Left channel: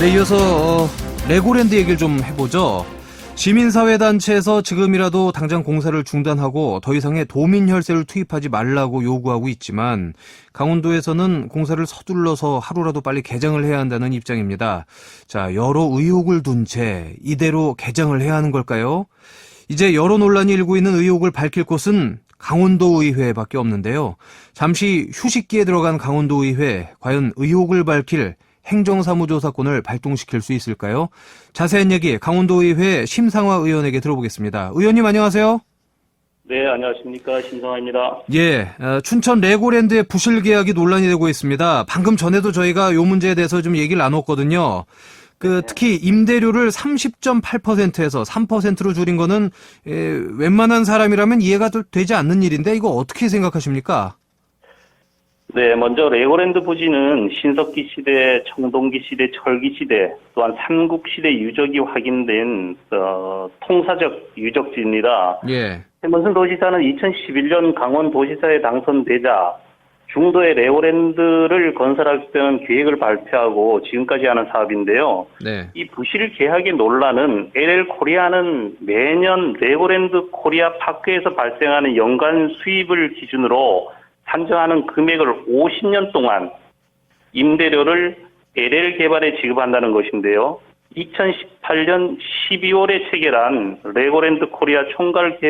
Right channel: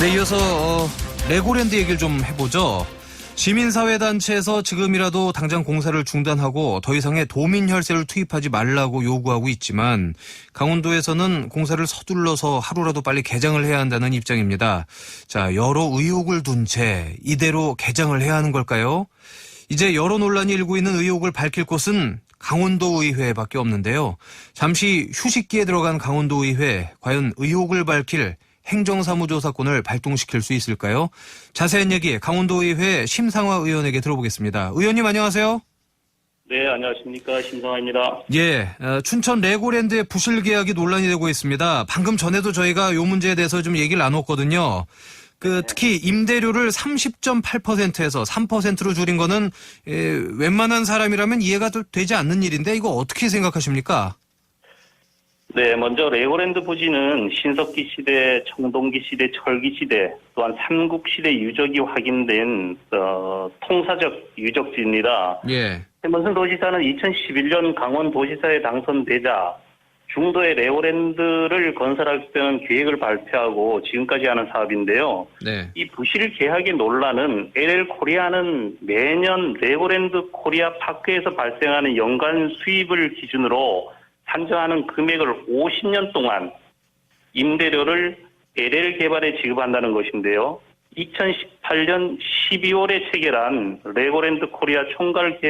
네, 이어서 레고랜드 얘기를 좀 해보죠. 시민사회단체에서 지금이라도 당장 공사를 중단하고 더 이상의 도민혈세를 투입하지 말라고 요구하고 있지만 강원도에서는 공사를 서둘러서 하루라도 빨리 개장을 해야 한다는 입장입니다. 자, 여러 의혹을 둔 채 이대로 개장을 해야 하는 걸까요? 이제 여러 논란이 일고 있는 의혹을 밝힐 곳은 강원도의회밖에 없는데요. 잠시 휴식기에 들어간 강원도의회, 과연 의혹을 밝힐 행정사무조사권을 발동시킬 수 있을까요? 자세한 얘기 강원도의회 심상화 의원에게 들어보겠습니다. 의원님 안녕하세요. 네, 안녕하십니까. 심상화입니다. 예, 춘천 레고랜드의 부실 계약이 논란이 되고 있습니다. 방금 전에도 저희가 이 문제에 대해서 좀 얘기를 나눴거든요. 특히 임대료를 30.8%에서 3%로 줄인 거는 웬만한 사람이라면 이해가 되지 않는 일인데 이거 어떻게 생각하십니까? 네, 먼저 레고랜드 부지는 신석기 시대, 청동기 시대, 철기 시대, 또한 삼국시대 유적이 확인된 통사적 유적지입니다. 예. 최문순 도지사는 2011년 강원도지사에 당선되자 중도에 레고랜드를 건설하겠다는 계획을 발표하고 지금까지 하는 사업인데요. 네. 이 부실 계약의 논란은 LL 코리아는 매년 레고랜드 코리아 파크에서 발생하는 연간 수입을 기준으로 산정하는 금액을 50년 동안 임대료를 LL 개발에 지급한다는 것인데요. 2018년 12월에 체결한 레고랜드 코리아 총괄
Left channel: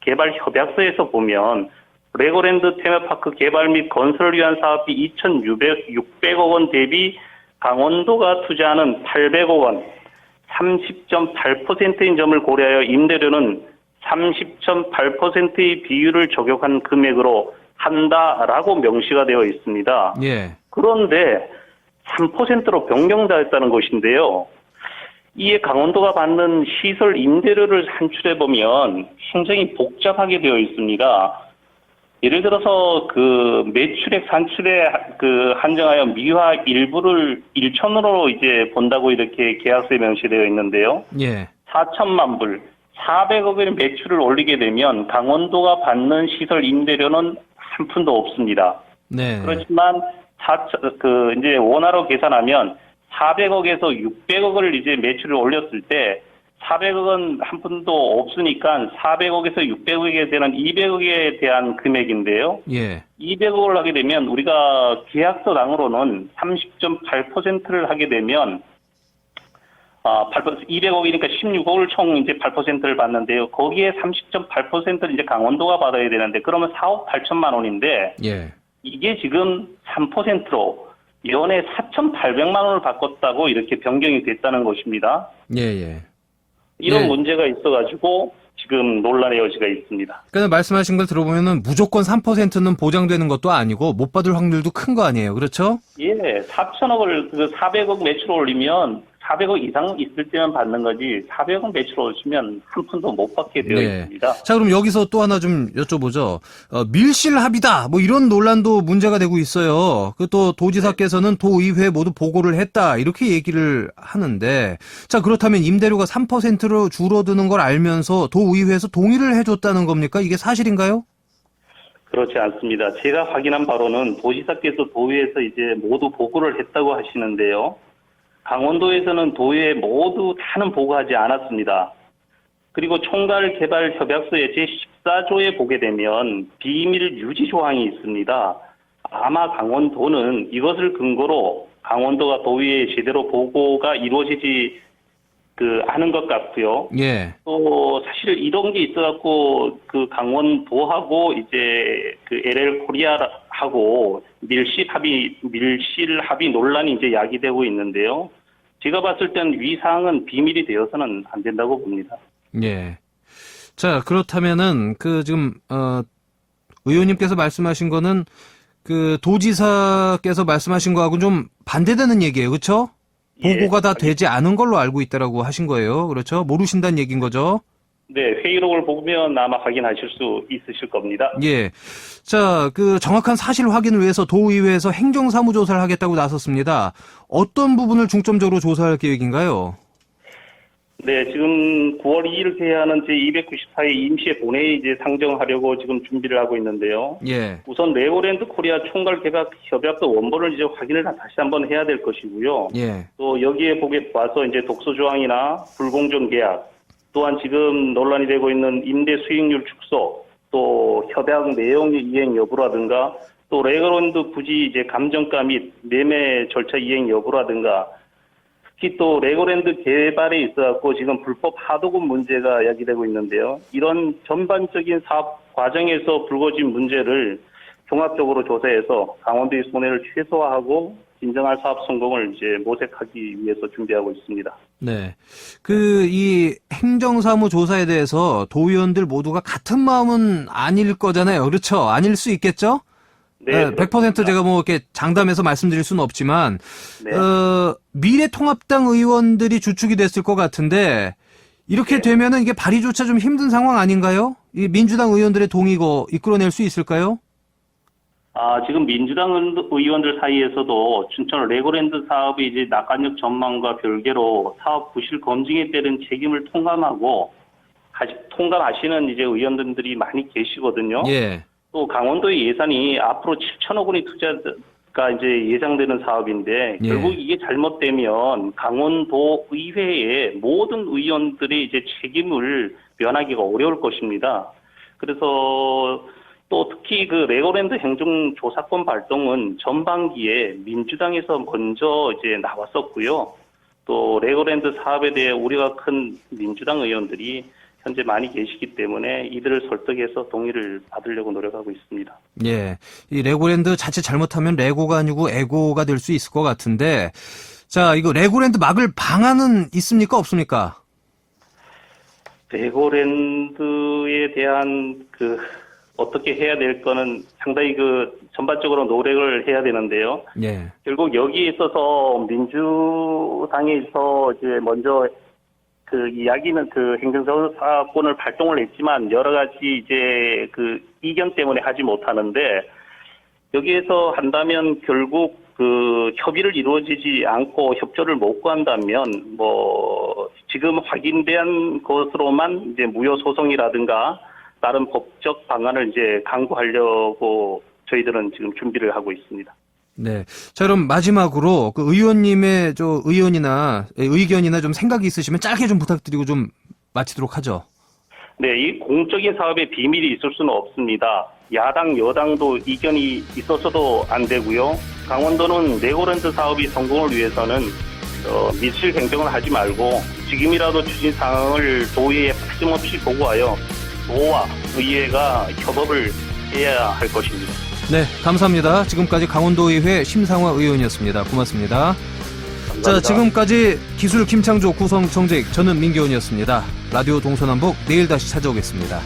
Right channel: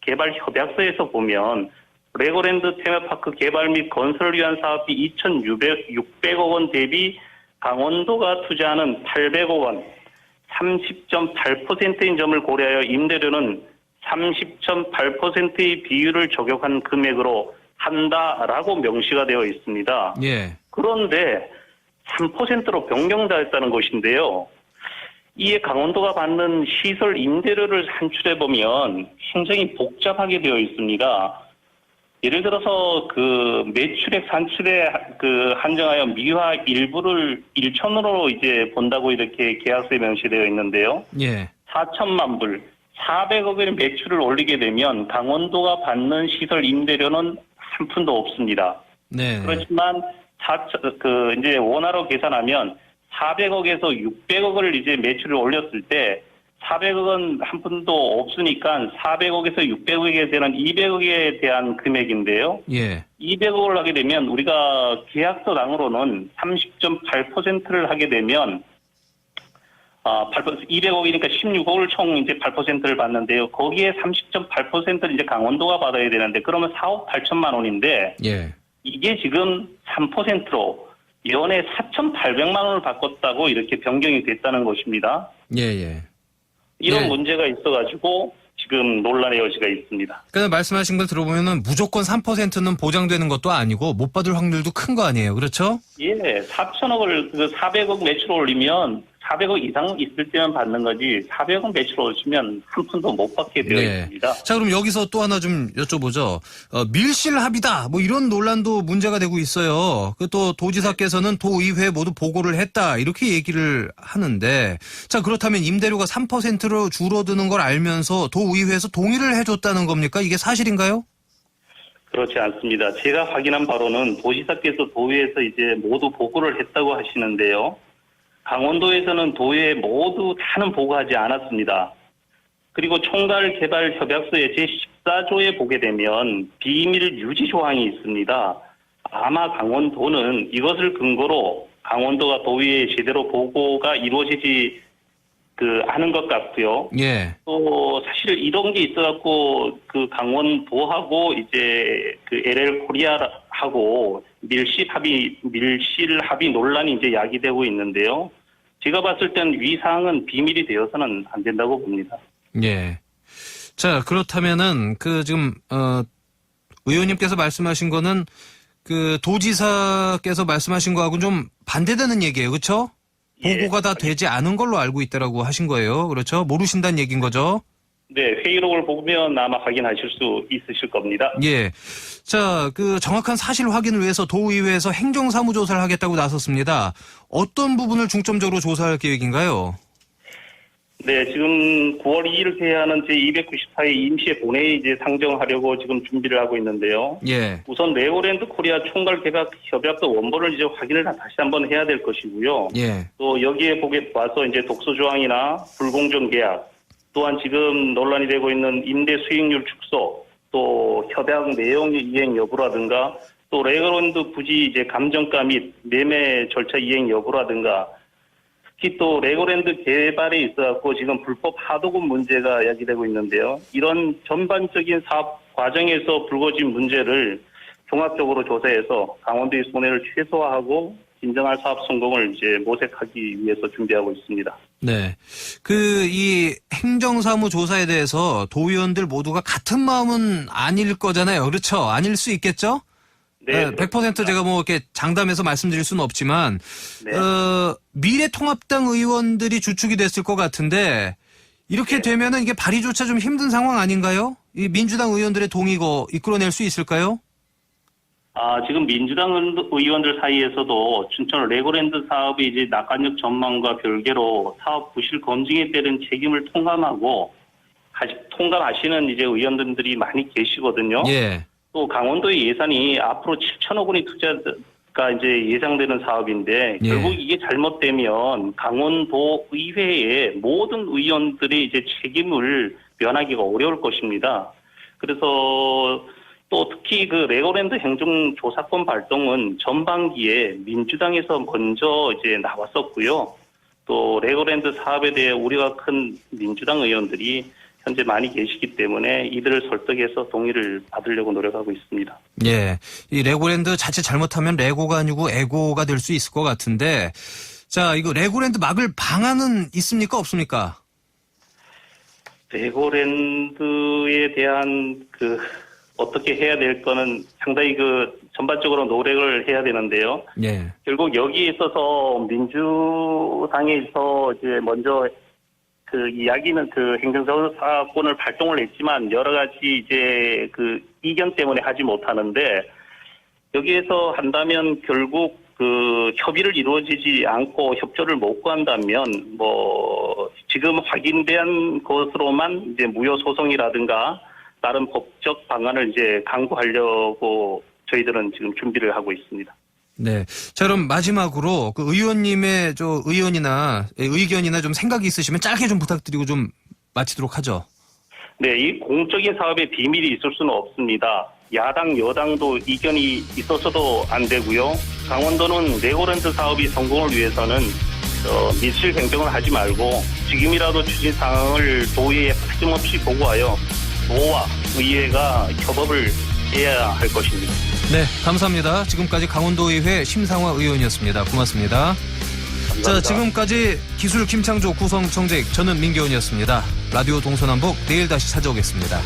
개발 협약서에서 보면 레고랜드 테마파크 개발 및 건설을 위한 사업비 2,600억 원 대비 강원도가 투자하는 800억 원, 30.8%인 점을 고려하여 임대료는 30.8%의 비율을 적용한 금액으로 한다라고 명시가 되어 있습니다. 예. 그런데 3%로 변경되었다는 것인데요. 이에 강원도가 받는 시설 임대료를 산출해 보면 행정이 복잡하게 되어 있습니다. 예를 들어서 매출액 산출에 한정하여 미화 일부를 1천으로 이제 본다고 이렇게 계약서에 명시되어 있는데요. 예. 4천만 불, 400억의 매출을 올리게 되면 강원도가 받는 시설 임대료는 한 푼도 없습니다. 네. 그렇지만 이제 원화로 계산하면 400억에서 600억을 이제 매출을 올렸을 때 400억은 한 푼도 없으니까 400억에서 600억에 대한 200억에 대한 금액인데요. 예. 200억을 하게 되면 우리가 계약서상으로는 30.8%를 하게 되면 200억이니까 16억을 총 이제 8%를 받는데요. 거기에 30.8%를 이제 강원도가 받아야 되는데 그러면 4억 8천만 원인데 예. 이게 지금 3%로 연에 4,800만 원을 바꿨다고 이렇게 변경이 됐다는 것입니다. 예, 예. 이런 예. 문제가 있어가지고 지금 논란의 여지가 있습니다. 그러니까 말씀하신 걸 들어보면은 무조건 3%는 보장되는 것도 아니고 못 받을 확률도 큰 거 아니에요. 그렇죠? 예, 4천억을 400억 매출 올리면 400억 이상 있을 때만 받는 거지 400억 매출 올리면 한 푼도 못 받게 되어 있습니다. 자, 그럼 여기서 또 하나 좀 여쭤보죠. 밀실합의다 뭐 이런 논란도 문제가 되고 있어요. 또 도지사께서는 도의회 모두 보고를 했다 이렇게 얘기를 하는데 자, 그렇다면 임대료가 3%로 줄어드는 걸 알면서 도의회에서 동의를 해줬다는 겁니까? 이게 사실인가요? 그렇지 않습니다. 제가 확인한 바로는 도지사께서 도의회에서 이제 모두 보고를 했다고 하시는데요. 강원도에서는 도의회 모두 다는 보고하지 않았습니다. 그리고 총괄 개발 협약서의 제14조에 보게 되면 비밀 유지 조항이 있습니다. 아마 강원도는 이것을 근거로 강원도가 도의회에 제대로 보고가 이루어지지 하는 것 같고요. 예. 또 사실 이런 게 있어갖고 강원도하고 이제 LL 코리아하고 밀실 합의 논란이 이제 야기되고 있는데요. 제가 봤을 땐 위 사항은 비밀이 되어서는 안 된다고 봅니다. 예. 자, 그렇다면은 지금 의원님께서 말씀하신 거는 도지사께서 말씀하신 거하고 좀 반대되는 얘기예요. 그렇죠? 보고가 다 되지 않은 걸로 알고 있다라고 하신 거예요. 그렇죠? 모르신다는 얘기인 거죠? 네, 회의록을 보면 아마 확인하실 수 있으실 겁니다. 예. 자, 정확한 사실 확인을 위해서 도의회에서 행정사무조사를 하겠다고 나섰습니다. 어떤 부분을 중점적으로 조사할 계획인가요? 네, 지금 9월 2일 개하는 제294회 임시의 본회의 이제 상정하려고 지금 준비를 하고 있는데요. 예. 우선 레고랜드 코리아 총괄 계약 협약서 원본을 이제 확인을 다시 한번 해야 될 것이고요. 예. 또 여기에 보게 봐서 이제 독소 조항이나 불공정 계약, 또한 지금 논란이 되고 있는 임대 수익률 축소, 또 협약 내용 이행 여부라든가, 또 레고랜드 부지 이제 감정가 및 매매 절차 이행 여부라든가, 특히 또 레고랜드 개발에 있어서 지금 불법 하도급 문제가 야기되고 있는데요. 이런 전반적인 사업 과정에서 불거진 문제를 종합적으로 조사해서 강원도의 손해를 최소화하고 진정한 사업 성공을 이제 모색하기 위해서 준비하고 있습니다. 네. 이 행정사무 조사에 대해서 도의원들 모두가 같은 마음은 아닐 거잖아요. 그렇죠? 아닐 수 있겠죠? 네, 100% 제가 뭐 이렇게 장담해서 말씀드릴 수는 없지만, 네. 미래통합당 의원들이 주축이 됐을 것 같은데, 이렇게 네. 되면은 이게 발의조차 좀 힘든 상황 아닌가요? 이 민주당 의원들의 동의고 이끌어낼 수 있을까요? 지금 민주당 의원들 사이에서도 춘천 레고랜드 사업의 이제 낙관적 전망과 별개로 사업 부실 검증에 따른 책임을 통감하시는 이제 의원들이 많이 계시거든요. 예. 또 강원도의 예산이 앞으로 7천억 원이 투자가 이제 예상되는 사업인데 예. 결국 이게 잘못되면 강원도 의회의 모든 의원들이 이제 책임을 면하기가 어려울 것입니다. 그래서 또 특히 그 레고랜드 행정조사권 발동은 전반기에 민주당에서 먼저 이제 나왔었고요. 또 레고랜드 사업에 대해 우려가 큰 민주당 의원들이 현재 많이 계시기 때문에 이들을 설득해서 동의를 받으려고 노력하고 있습니다. 예. 이 레고랜드 자칫 잘못하면 레고가 아니고 에고가 될 수 있을 것 같은데, 자, 이거 레고랜드 막을 방안은 있습니까? 없습니까? 레고랜드에 대한 어떻게 해야 될 거는 상당히 전반적으로 노력을 해야 되는데요. 예. 결국 여기에 있어서 민주당에서 이제 먼저 이야기는 행정사건을 발동을 했지만 여러 가지 이제 이견 때문에 하지 못하는데 여기에서 한다면 결국 협의를 이루어지지 않고 협조를 못 구한다면 지금 확인된 것으로만 이제 무효 소송이라든가 다른 법적 방안을 이제 강구하려고 저희들은 지금 준비를 하고 있습니다. 네. 자, 그럼 마지막으로 의원님의 의견이나 좀 생각이 있으시면 짧게 좀 부탁드리고 좀 마치도록 하죠. 네, 이 공적인 사업에 비밀이 있을 수는 없습니다. 야당, 여당도 이견이 있어서도 안 되고요. 강원도는 레고랜드 사업이 성공을 위해서는 밀실 행정을 하지 말고 지금이라도 추진 사항을 도의회에 빠짐없이 보고하여 도와 의회가 협업을 해야 할 것입니다. 네, 감사합니다. 지금까지 강원도의회 심상화 의원이었습니다. 고맙습니다. 감사합니다. 자, 지금까지 기술 김창조 구성정직, 저는 민기훈이었습니다. 라디오 동서남북 내일 다시 찾아오겠습니다.